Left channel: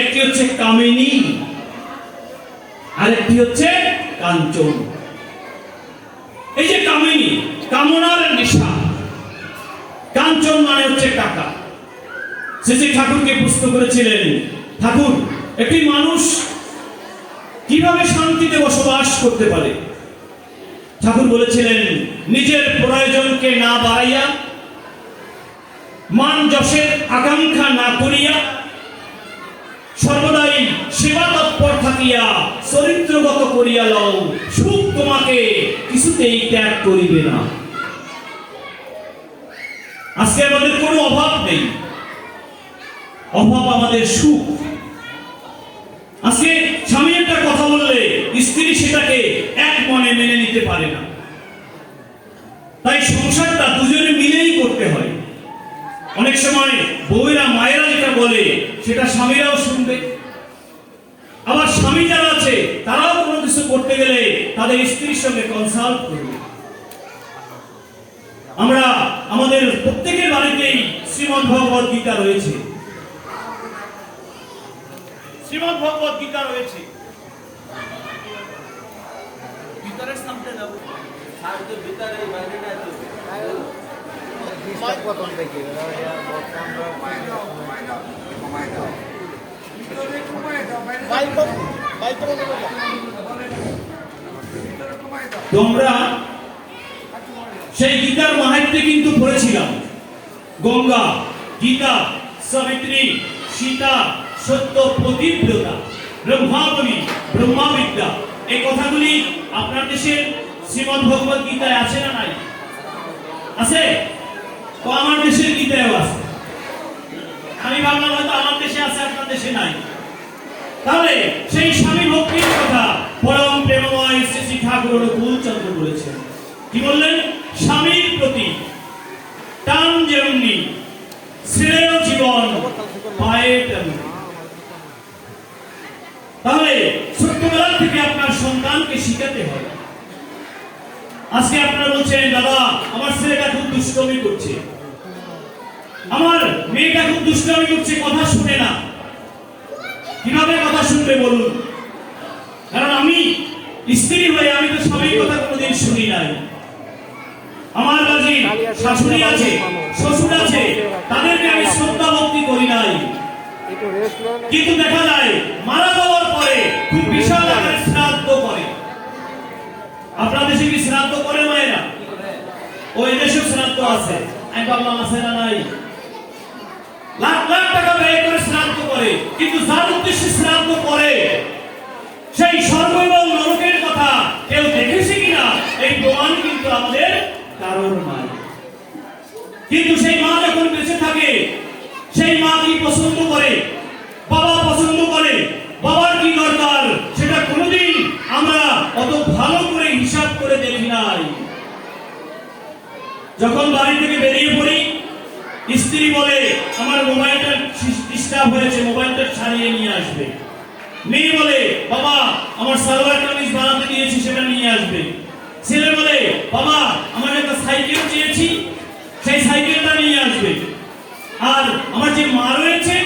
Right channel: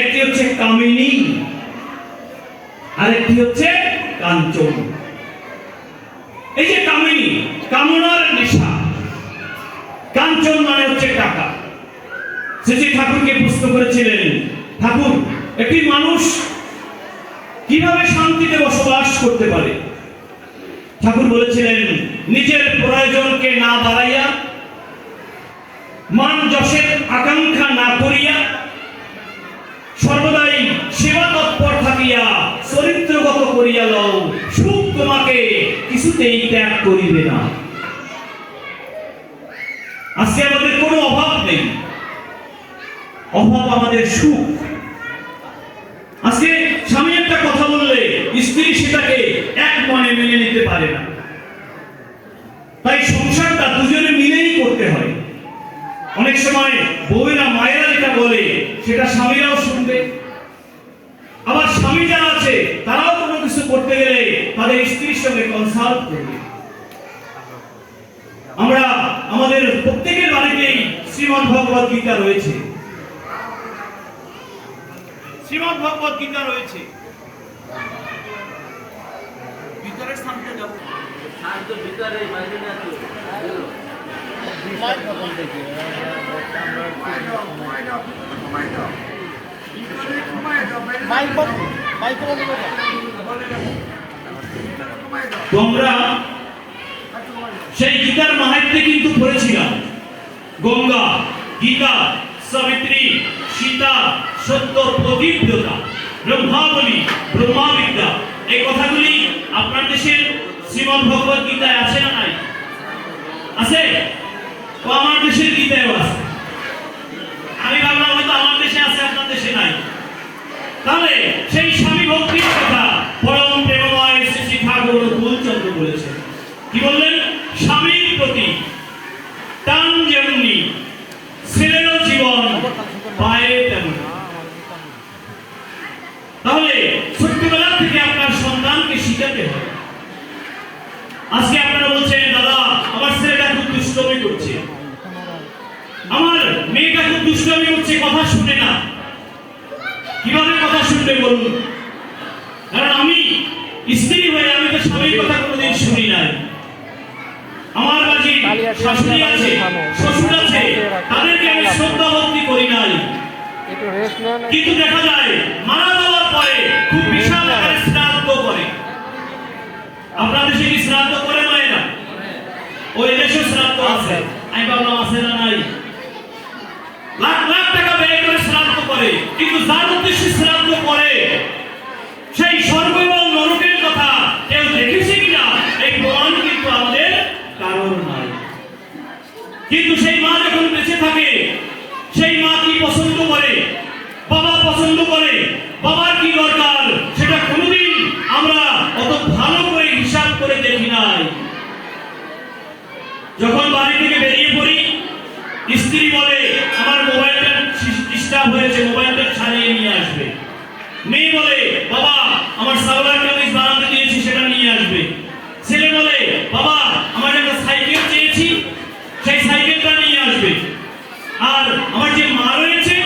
একটি হচ্ছে কামিনী, আরেকটি হচ্ছে কাঞ্চন। এই যে কামিনী, কামনার নেশা, কাঞ্চন মানে হচ্ছে টাকা। শ্রী ঠাকুরকে প্রশ্ন করেছিলেন, ঠাকুর, একটি মানুষ কিভাবে শান্তিতে বসবাস করতে পারে? ঠাকুর বলেছিলেন, নিজের প্রয়োজনকে না বাড়াইয়া, মান যশের আকাঙ্ক্ষা না করিয়া, সর্বদাই সেবা তৎপর থাকিয়া চরিত্রগত করিয়া লও, সুখ তোমাকে কিছুতেই ত্যাগ করিবে না। আজকে আমাদের কোনো অভাব নেই, অভাব আমাদের সুখ। আজকে স্বামী একটা কথা বললে স্ত্রী সেটাকে এক মনে মেনে নিতে পারে না, তাই সংসারটা দুজনে মিলেই করতে হয়। অনেক সময় বউয়েরা, মায়েরা যেটা বলে সেটা স্বামীরাও শুনবে, আবার স্বামী যারা আছে তারাও কোনো কিছু করতে গেলে তাদের স্ত্রীর সঙ্গে কনসাল্ট করবে। আমরা আমাদের প্রত্যেকের বাড়িতেই শ্রীমদ্ ভগবত গীতা রয়েছে, শ্রীমদ্ ভগবত গীতা রয়েছে। ভিতরের সামনে যাব, সাহায্য ভিতরে বাইরে না তো প্রথম থেকে তোমরা সেই গীতার মাহাত্ম্যে কিন্তু পড়েছিলাম। গঙ্গা, গীতা, সাবিত্রী, সীতা, সত্য, প্রদীপ্ততা, ব্রহ্মাবলী, ব্রহ্মাবিদ্যা, এই কথাগুলি আপনার দেশের শ্রীমদ্ ভগবত গীতায় আছে না নাই? আছে? ও আমার দেশের গীতায়ও আছে। আমি ভাবলাম হয়তো আমার দেশে আছে, আপনার দেশে নাই। তাহলে সেই স্বামী ভক্তির কথা পরম প্রেমময় শ্রী ঠাকুর অনুকূলচন্দ্র বলেছেন। কি বললেন? স্বামীর প্রতি টান যেমনি, শ্রেয় জীবন পায়ে তেমনি। তাহলে ছোট্টবেলা থেকে আপনার সন্তানকে শিখাতে হবে। আজকে আপনারা বলছেন, দাদা আমার ছেলেটা খুব দুষ্টমি করছে, আমার মেয়েটা খুব দুষ্টমি করছে, কথা শুনে না। কিভাবে কথা শুনবে বলুন? কারণ আমি স্ত্রী হয়ে আমি তো স্বামীর কথা কোনোদিন শুনি নাই। আমার বাড়ি শাশুড়ি আছে, শ্বশুর আছে, তাদেরকে আমি শ্রদ্ধা ভক্তি করি নাই। কিন্তু দেখা যায় মারা যাওয়ার পরে খুব বিশাল আকারে শ্রাদ্ধ করে। আপনার দেশে কি শ্রাদ্ধ করে মায়েরা? ওই দেশে শ্রাদ্ধ আছে, আমি ভাবলাম আছে না নাই। লাখ লাখ টাকা ব্যয় করে শ্রাদ্ধ করে, কিন্তু যার উদ্দেশ্যে শ্রাদ্ধ করে সেই স্বর্গ এবং নরকের কথা কেউ দেখেছে কিনা এই প্রমাণ কিন্তু আমাদের কারণ নাই। কিন্তু সেই মা যখন বেঁচে থাকে, সেই মা কি পছন্দ করে, বাবা পছন্দ করে, বাবার কি দরকার সেটা কোনোদিন আমরা অত ভালো করে হিসাব করে দেখি নাই। যখন বাড়ি থেকে বেরিয়ে পড়ি, স্ত্রী বলে আমার মোবাইলটা ডিস্টার্ব হয়েছে, মোবাইলটা ছাড়িয়ে নিয়ে আসবে। মেয়ে বলে বাবা আমার সালোয়ার কামিজ বানাতে দিয়েছি, সেটা নিয়ে আসবে। ছেলে বলে বাবা আমার একটা সাইকেল চেয়েছি, সেই সাইকেলটা নিয়ে আসবে। আর আমার যে মা রয়েছে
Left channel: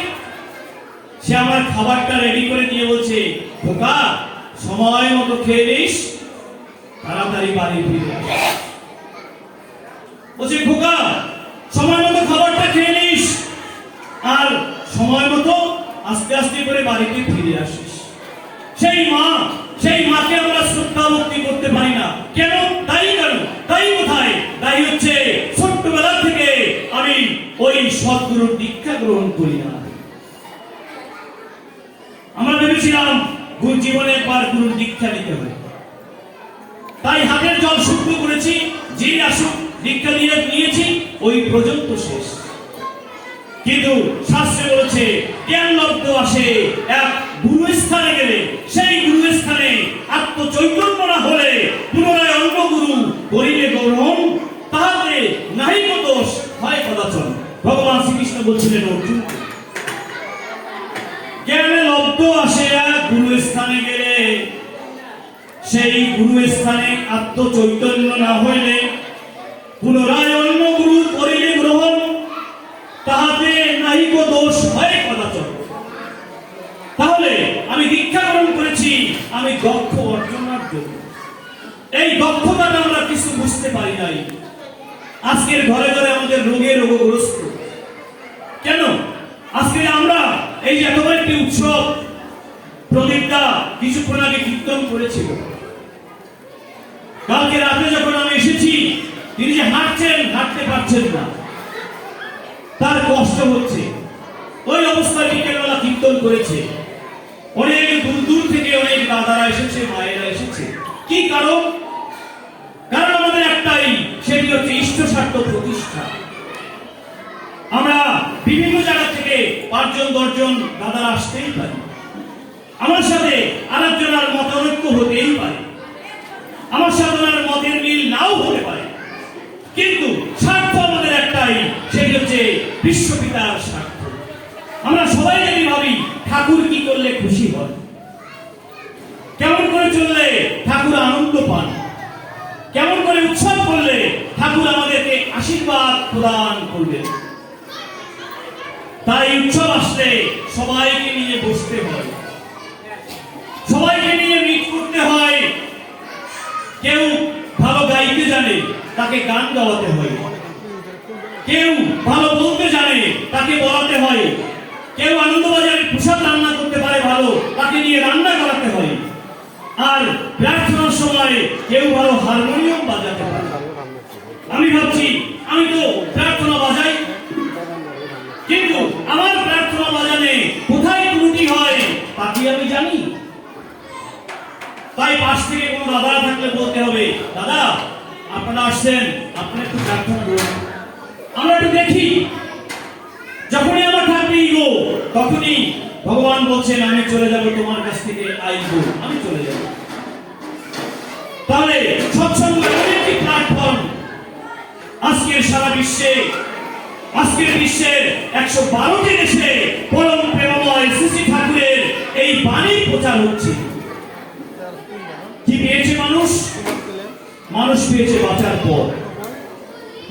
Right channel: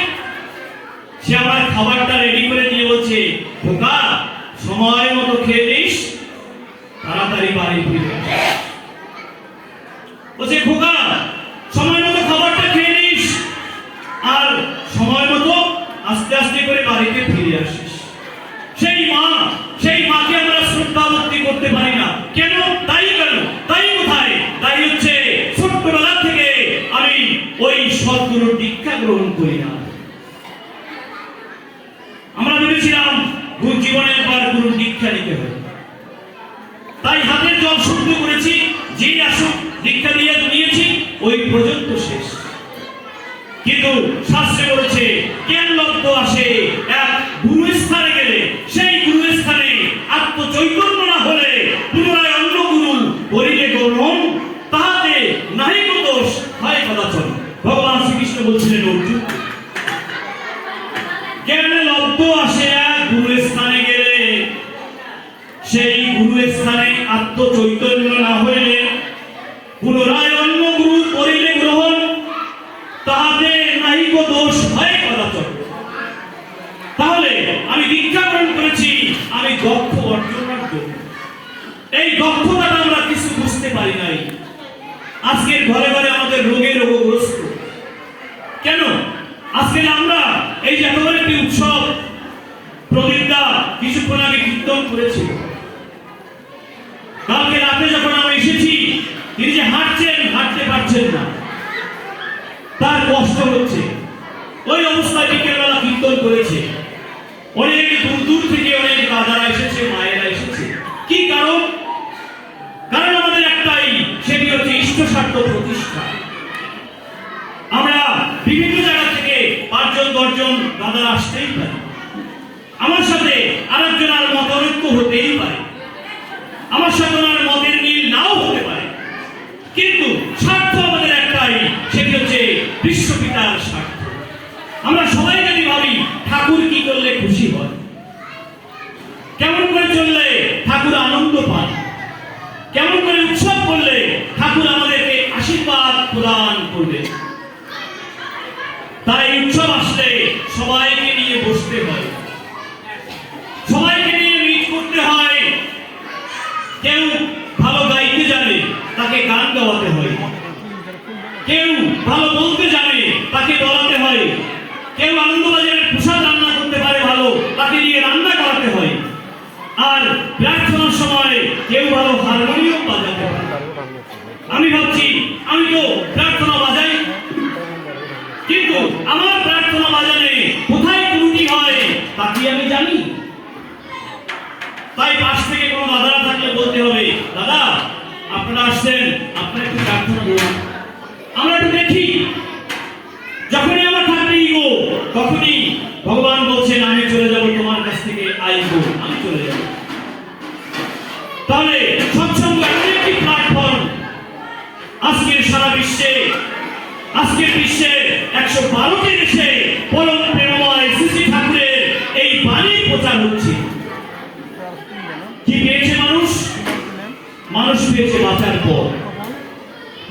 সে আমার খাবারটা রেডি করে দিয়ে বলছে, খোকা সময় মতো খেয়ে নিস, তাড়াতাড়ি বাড়ি ফিরে আসিস। বলছে খোকা সময় মতো খাবারটা খেয়ে নিস, আর সময় মতো আস্তে আস্তে করে বাড়িতে ফিরে আসিস। সেই মাকে আমরা শ্রদ্ধা ভক্তি করতে পারি না কেন? তাই কেন? তাই কোথায়? তাই হচ্ছে ছোট্টবেলা থেকে আমি ওই সদ্গুরুর দীক্ষা গ্রহণ করি না। আমরা ভেবেছিলাম জীবনের পর গুরুর দীক্ষা নিতে হবে, তাই হাতের জল শুদ্ধ করেছি, যে আসুক দীক্ষা দিয়ে নিয়েছি, ওই পর্যন্ত শেষ। কিন্তু শাস্ত্রে বলেছে জ্ঞান লব্ধ আসে এক গুরু স্থানে গেলে, সেই গুরু স্থানে আত্মচৈতন্য না হলে পুনরায় অন্য গুরু করিলে গ্রহণ, তাহাতে নাহি কো দোষ হয় কদাচন। ভগবান শ্রীকৃষ্ণ বলছিলেন অর্জুন, জ্ঞান লব্ধ আসে এক গুরু স্থানে গেলে, সেই গুরু স্থানে আত্মচৈতন্য না হইলে পুনরায় অন্য গুরু করিলে গ্রহণ, তাহাতে নাহি কো দোষ হয় কদাচন। তাহলে আমি দীক্ষা গ্রহণ করেছি আমি দক্ষ অর্জনের জন্য। এই দক্ষতাটা আমরা কিছু বুঝতে পারি নাই। আজকের ঘরে ঘরে আমাদের রোগে রোগগ্রস্ত কেন? আজকে আমরা এই যে এত বড় একটি উৎসব, প্রদীপদা কিছুক্ষণ আগে কীর্তন করেছিল। কালকে রাতে যখন আমি এসেছি, তিনি যে হাঁটতে পারছেন না, তার কষ্ট হচ্ছে। ওই অবস্থায় বিকেলবেলা কীর্তন করেছে। অনেক দূর দূর থেকে অনেক দাদারা এসেছে, মায়েরা এসেছে। কি কারণ? কারণ আমাদের একটাই, সেটি হচ্ছে ইষ্ট স্বার্থ প্রতিষ্ঠা। আমরা বিভিন্ন জায়গা থেকে 5 জন 10 জন দাদারা আসতেই পারি, আমার সাথে আরেকজন আর মতানৈক্য হতেই পারে, আমার সাথে আর মতের মিল নাও হতে পারে, কিন্তু স্বার্থ আমাদের একটাই, সেটি হচ্ছে বিশ্বপিতার স্বার্থ। আমরা সবাই যদি ভাবি ঠাকুর কি করলে খুশি হয়, কেমন করে চললে ঠাকুর আনন্দ পান, কেমন করে উৎসব করলে ঠাকুর আমাদেরকে আশীর্বাদ প্রদান করবে, তাই উৎসব আসলে সবাইকে নিয়ে বসতে হয়, সবাইকে নিয়ে মিট করতে হয়। কেউ ভালো গাইতে জানে, তাকে গান গাওয়াতে হয়। কেউ ভালো বলতে জানে, তাকে বলাতে হয়। কেউ আনন্দবাজারে প্রসাদ রান্না করতে পারে ভালো, তাকে নিয়ে রান্না করাতে হয়। আর প্রার্থনার সময় কেউ ভালো হারমোনিয়াম বাজাতে পারে। আমি ভাবছি আমি তো প্রার্থনা বাজাই, কিন্তু আমার প্রার্থনা বাজানে কোথায় ত্রুটি হয় তা কি আমি জানি? তাই পাশ থেকে কোনো দাদারা থাকলে বলতে হবে, দাদা আপনারা আসছেন, আপনারা একটু প্রার্থনা করুন, আমরা একটু দেখি। যখনই আমার ঠাকুর গো, তখনই ভগবান বলছেন আমি চলে যাব তোমার কাছ থেকে, আইবো, আমি চলে যাব। তাহলে সৎসঙ্গ এমন একটি প্ল্যাটফর্ম, আজকের সারা বিশ্বে, আজকের বিশ্বের 112টি দেশে পরম প্রেমময় শ্রী ঠাকুরের এই বাণী প্রচার হচ্ছে। কি পেয়েছে মানুষ? মানুষ পেয়েছে বাঁচার পথ,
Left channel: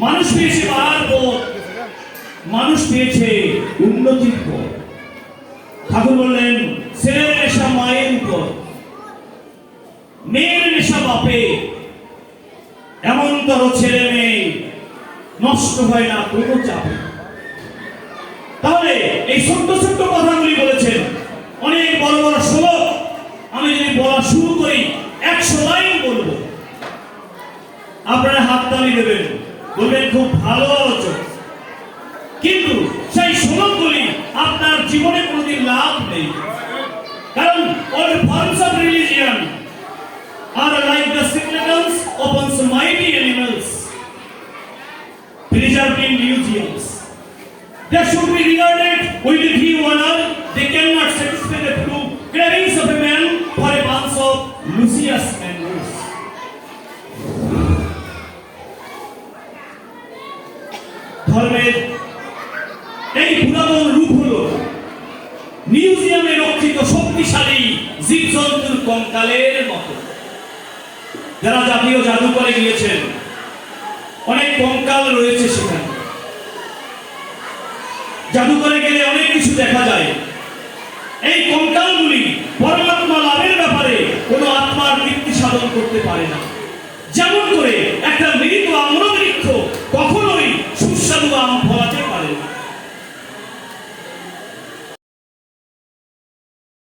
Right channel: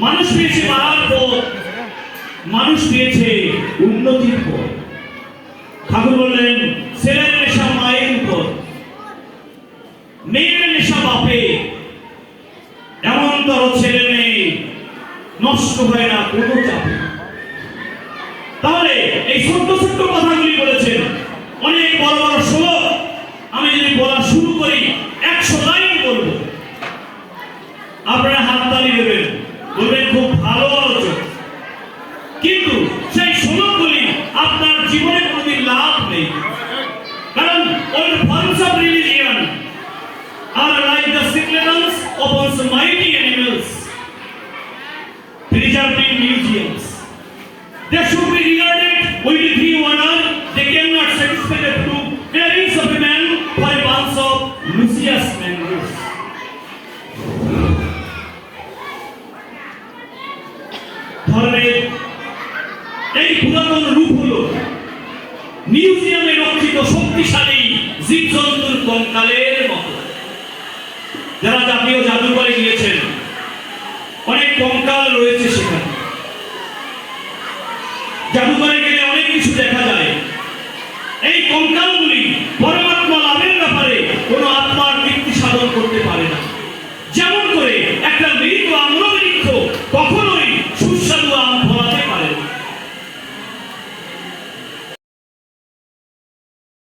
মানুষ পেয়েছে বাড়ার পথ, মানুষ পেয়েছে উন্নতির পথ। ঠাকুর বললেন ছেলের নেশা মায়ের উপর, মেয়ের নেশা বাপে, এমন তর ছেলে মেয়ে নষ্ট হয় না কোনো চাপে। তাহলে এই ছোট্ট ছোট্ট কথাগুলি বলেছেন, অনেক বড় বড় শ্লোক আমি যদি বলা শুরু করি 100 লাইন বলবো, আপনারা হাততালি দেবেন, বলবেন খুব ভালো আলোচনা, কিন্তু সেই শ্লোকগুলি আপনার জীবনে কোনোদিন লাভ নেই। কারণ all forms of religion are like the skeletons upon some mighty animals preserved in museums. They should be regarded with due honor. They cannot satisfy the true cravings of a man for a bunch of luscious mangoes. ধর্মের এই পুরাতন রূপ হলো মিউজিয়ামে রক্ষিত শক্তিশালী জীবজন্তুর কঙ্কালের মতো। যারা জাতীয় জাদুঘরে গিয়েছেন, অনেক কঙ্কাল রয়েছে সেখানে। জাদুঘরে গেলে অনেক কিছু দেখা যায়। এই কঙ্কালগুলি পরমাত্মা লাভের ব্যাপারে কোনো আত্মার তৃপ্তি সাধন করতে পারে না। যেমন